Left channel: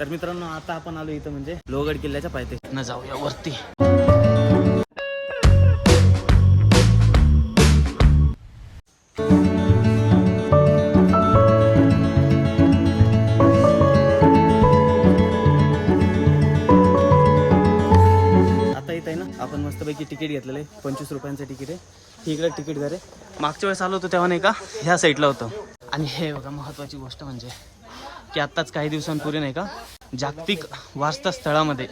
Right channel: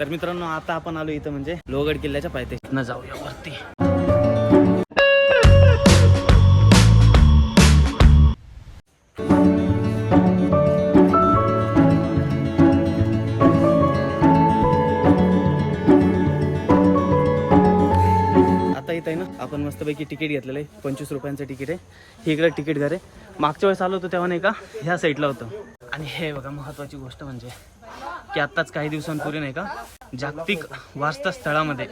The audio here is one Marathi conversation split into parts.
तर मित्रांनो आता आपण आलो इथं म्हणजे लोहगड किल्ल्याच्या पायथे न जाऊया वरती. आता इथं आहे ना आपण मस्तपैकी तिकीट घेतलेलं आहे. पंचवीस रुपयांचं तिकीट आहे. हे इकडे तिकीट घर आहे. मागच्या वेळेस आलो होतो तेव्हा नाही का? ह्या साईडला होतं. आणि हे बघा महत्त्वाची गोष्ट म्हणजे की आत्ताच काही दिवसांपूर्वी नाही का जागतिक वारसा स्थळामध्ये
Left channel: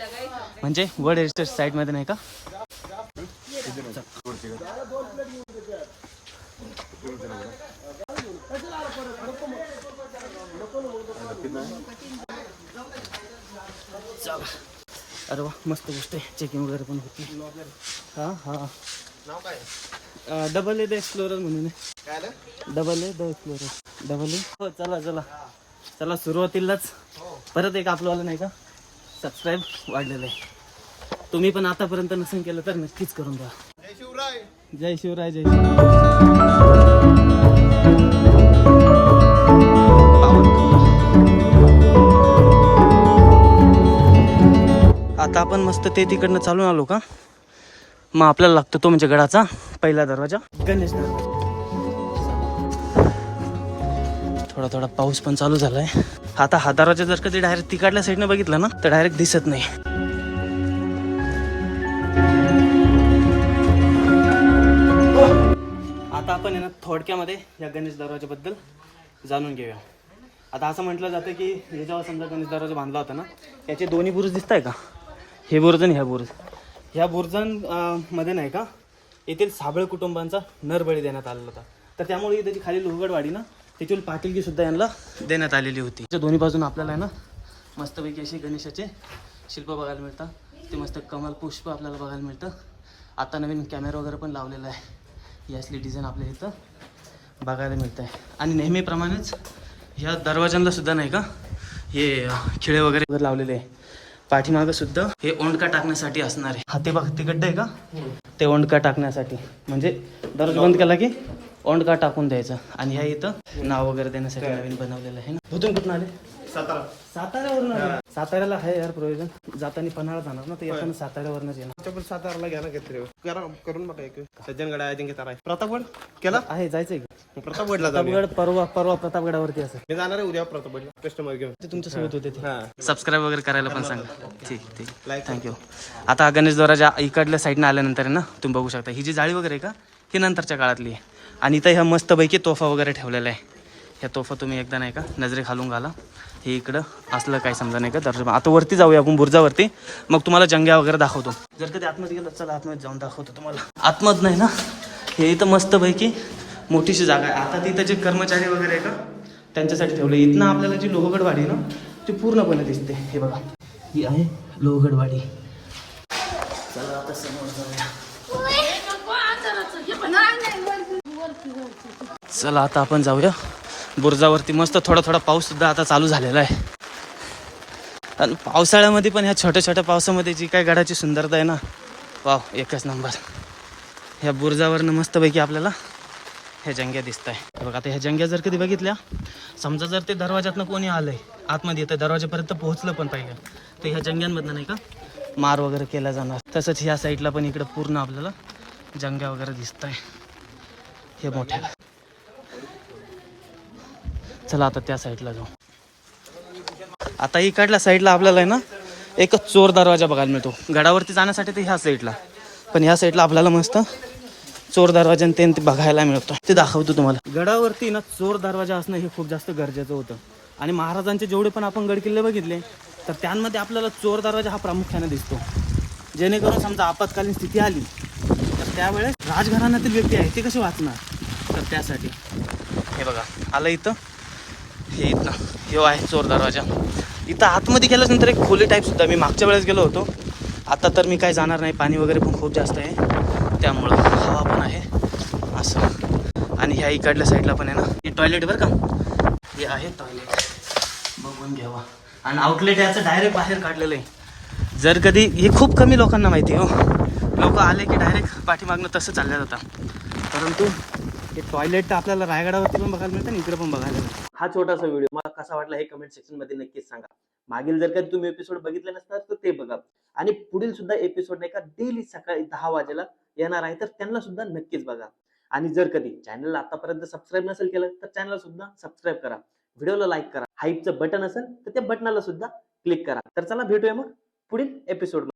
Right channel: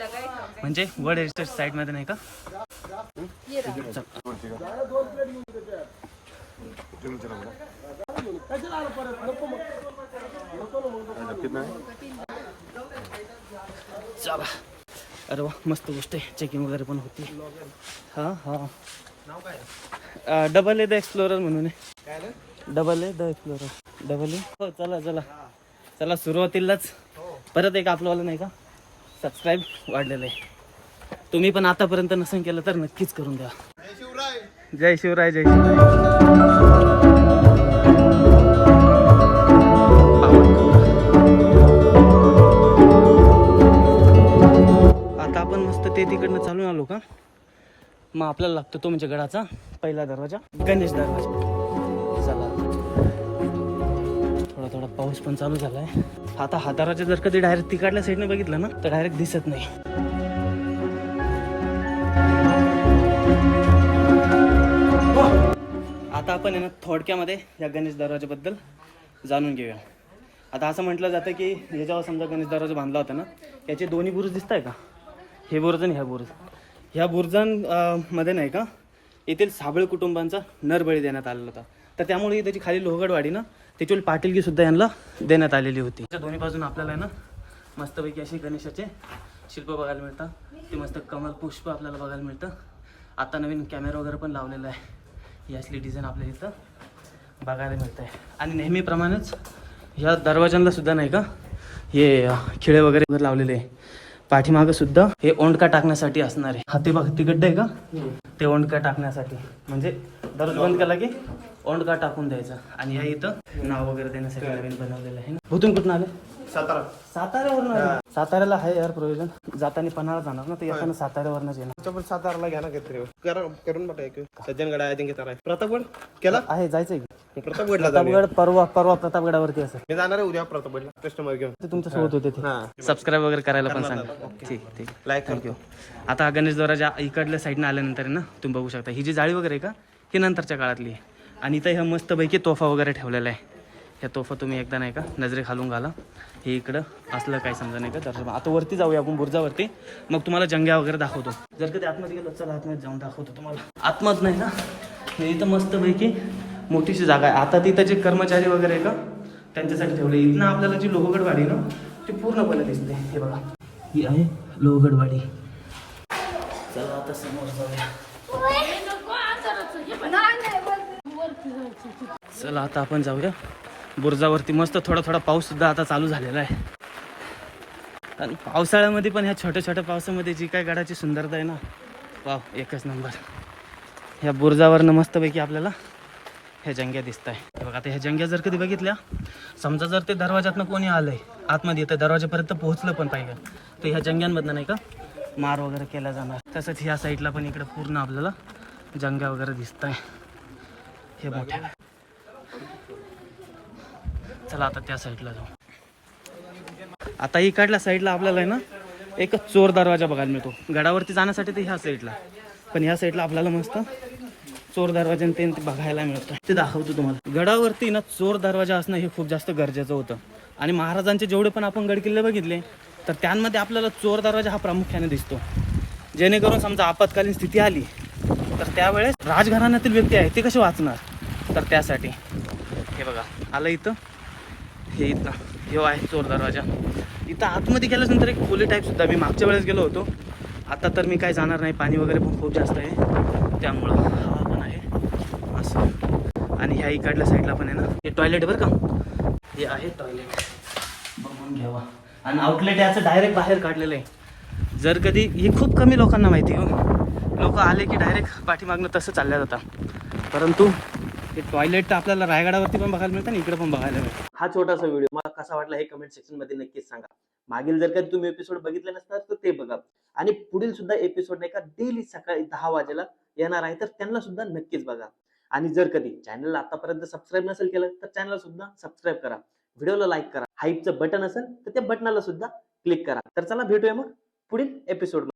म्हणजे वर्ल्ड हेरिटेज साईटमध्ये नाही का? चल. अरे वा मस्त गोष्ट आहे. चेकिंग वगैरे पण होती. हां हां. डबल ए द एक्सप्लोरर म्हणून double A the explorer double A हो चला चला. चला सुरुवातीलाच परत एक आपलंवालं नाही का? सबस्क्राईब वाढलेलं आहे. तुम्ही पण आतापर्यंत नसेल केलं तर नक्कीच करून द्या. शिवराय जय शिवराय जय शिवराय. आता आपण मस्त ते तिकडनं चालून आलो का? मग आपल्याला लागतो तो म्हणजे गडाचा पहिला दरवाजा. गणेश दरवाजा. थोडा थोडा पाऊस पण चालू झालाय. आता हा जर कधी डायरेक्ट तिकडल्या साईडनं बघितलं ना तर डायरेक्ट दिसत नाही. आता आपण आहे ना थोडक्यामध्ये या गणेश दरवाजाबद्दल जाणून घेऊया. आता असं म्हटलं जातं की हे जेव्हा समजा गणेश दरवाजा बांधला होता ना याचे दोन्ही बुरुज दिसत आहे का? हे बुरुज आणि ह्या बुरुज. ह्या बुरुजां मध्ये नाही का येथील साबळे कुटुंबांचा नरबळी देण्यात आलेला होता. तर त्यामुळे त्याची खाली लोहगडवाडी ना त्याच्यावर पाटीलगी सुद्धा यांना देण्यात आलेली होती. दोन्ही बाजून आपल्याला आहे ना मस्तपैकी असे गणेशाचे शिल्प बघायला मिळतात. ते मस्त कमल पुष्प आपल्याला बघायला मिळतं. आता नवीन कॅमेरा वगैरे पण लावलेला आहे. ही असली डिझाईन आपल्याला इथं बघायला मिळत आहे आणि नेहमीप्रमाणेच ह्या दरवाजांना सुद्धा नाही का हे खिळे वगैरे लावलेले आहे. पाठीमागं सुद्धा हे ओंडका टाकण्यासाठी असणार आहे. हा ते बघ ते गड्डे आहे का? ते ओंडका टाकण्यासाठी. म्हणजे दरवाजा बंद केला की ओंडका टाकून द्यायचं. आणि ह्या इथं नाव वगैरे देण्यासाठी नवीन बनवलेलं आहे ना. भूतून कुठून आले? सातारा. साताऱ्यावरून साताऱ्याला आहे यार प्रयोजन जाताना पन्हाळा जाणार ना तर येताना साताऱ्यावरनच येणार. पण साताराला घ्या ना काहीतरी. करा करून बघा एक. सज्जनगड आहे अजिंक्य तारा प्रतापगड? केला? आहे जायचंय प्रतापगडला प्रतापगड परवा परवा प्रतापगडावरती असं मी जाणार आहे उद्या प्रतापगडला. कस्टमर घेऊन. ते तुमच्यासोबत होते ते. हा. सबस्क्राईब वगैरे करायला पण सांगा. ठीक ठीक. थँक्यू आता गणेश द्वाराच्या इकडल्या साईडनं आल्यानंतर आहे ना तुम्ही बघू शकता. ही जी जाळी वगैरे आहे का ही नंतरच्या काळातली आहे. आणि इथं ह्या मस्तपैकी तोफा वगैरे ठेवलेला आहे. ह्या तोफा तुम्ही एकदा नाही का नजरे खालून घाला. हे इकडं असलं काही समजा नाही का दर्शन. आता वरती जाऊया आपण बुर्जावरती. मग तुम्हाला जंग्या वगैरे दाखवतो. जर कधी आतमध्ये गेलं चला आतमध्ये जाऊन दाखवतो तुम्हाला. आतमध्ये नाही ना? हे इथं मस्तपैकी मोठीशी जागा आहे. आता तिथं जे कर्मचारी वगैरे आहे का त्यांच्यासाठी ठेवले. इथनं आपल्याला जी लोहगडवाडी ना ती पूर्णपणे दिसते. हे बघा. ही आहे लोहगडवाडी. चला आता समोर जाऊया. चला आता आपण जाऊया. बुर्जावरती मस्त थोडा थोडा पाऊस सुद्धा आता चालू झालेला आहे. आणि पावसाळ्यामध्ये पण ह्या छोट्या छोट्या पावसामध्ये जी काय गडाची सुंदरता आहे ना वाव एकच नंबर. ह्या बुर्जावरनं मस्तपैकी आपल्याला ह्या जंग्या दिसत आहे बघा आता ह्या जंग्या जर कधी बघितल्या समजा जर ते दरवाजातनं कोणी आलंय आतमध्ये येतं दरवाजापर्यंत पोहोचलं पण पाहिजे तर ह्या जंग्यांमधनं नाही का मार वगैरे केला जाणार. तसंच ह्या साईडला पण इकडे पूर्ण आपल्याला जंग्या वगैरे दिसत आहे हे मोठ्या. चला आता त्या साईडला जाऊ. आता इकडल्या साईडला आपल्याला आहे ना एकच चोर दरवाजा बघायला मिळतो. गडावरती जाण्यासाठी ते ह्या साईडला. पण ह्या साईडला आपल्याला मस्त चोर दरवाजा ते ते बघायला मिळतो. ते दाखवतो तुम्हाला. गडावरती ना चोर दरवाजा असणं हे खूप जास्त गरजेचं होतं. आणि महाराजांचे जेवढे पण आपण गडकिल्ले बघितले तर त्यांमध्ये आपल्याला चोर दरवाजा हा प्रामुख्याने दिसतो. जेणेकरून समजा आपत्कालीन स्थिती आली तर त्यावेळेस राजघराण्यातील व्यक्ती आहे ते कसे वाचणार? तर त्यासाठी. हे बघा आलं इथं. हे इथं हे आहे चोर दरवाजा. इथं आतमध्ये गेल्यानंतर एक खोली टाईप सुद्धा. मी मागच्या वेळेस गेलो होतो. आता तर मी काय जाणार नाही. पाणी वगैरे पण खूप जास्त आहे. त्यामुळं हवा पण आहे. असं. आणि ह्या इकडल्या साईडला पण आहे ना. हे टॉयलेट बरं का? हे आहे टॉयलेट बघून घ्यावा. आणि आउटलेट याचं डायरेक्ट बाहेर काढलेलं आहे. जर कधी हे खूप कमी लोकांना माहिती आहे हो. लोक आले की डायरेक्ट पाठीमागणं तसं चालल्या जातं परंतु हे टॉयलेट तर आपल्याला रायगडावरती पण बघायला मिळतं आणि इकडे पण बघायला मिळतं. हा छोटासा व्हिडिओ मला कसा वाटला हे कमेंट सेक्शनमध्ये नक्कीच सांगा. मागील जर का तुम्ही एपिसोड बघितले नसणार तर ते बघा. आणि पुढील सुद्धा एपिसोड नाही का डेली सकाळी दहा वाजेला येणार आहे तर त्यांना सुद्धा नक्कीच बघा. आणि जर कधी चॅनलला आतापर्यंत सबस्क्राईब नसेल केलं तर चॅनलला सुद्धा सबस्क्राईब करा. व्हिडिओला लाईक करा. हाईपचं बटन असेल तर त्या बटनाला सुद्धा क्लिक करा. तर चला भेटूया मग पुढील एपिसोड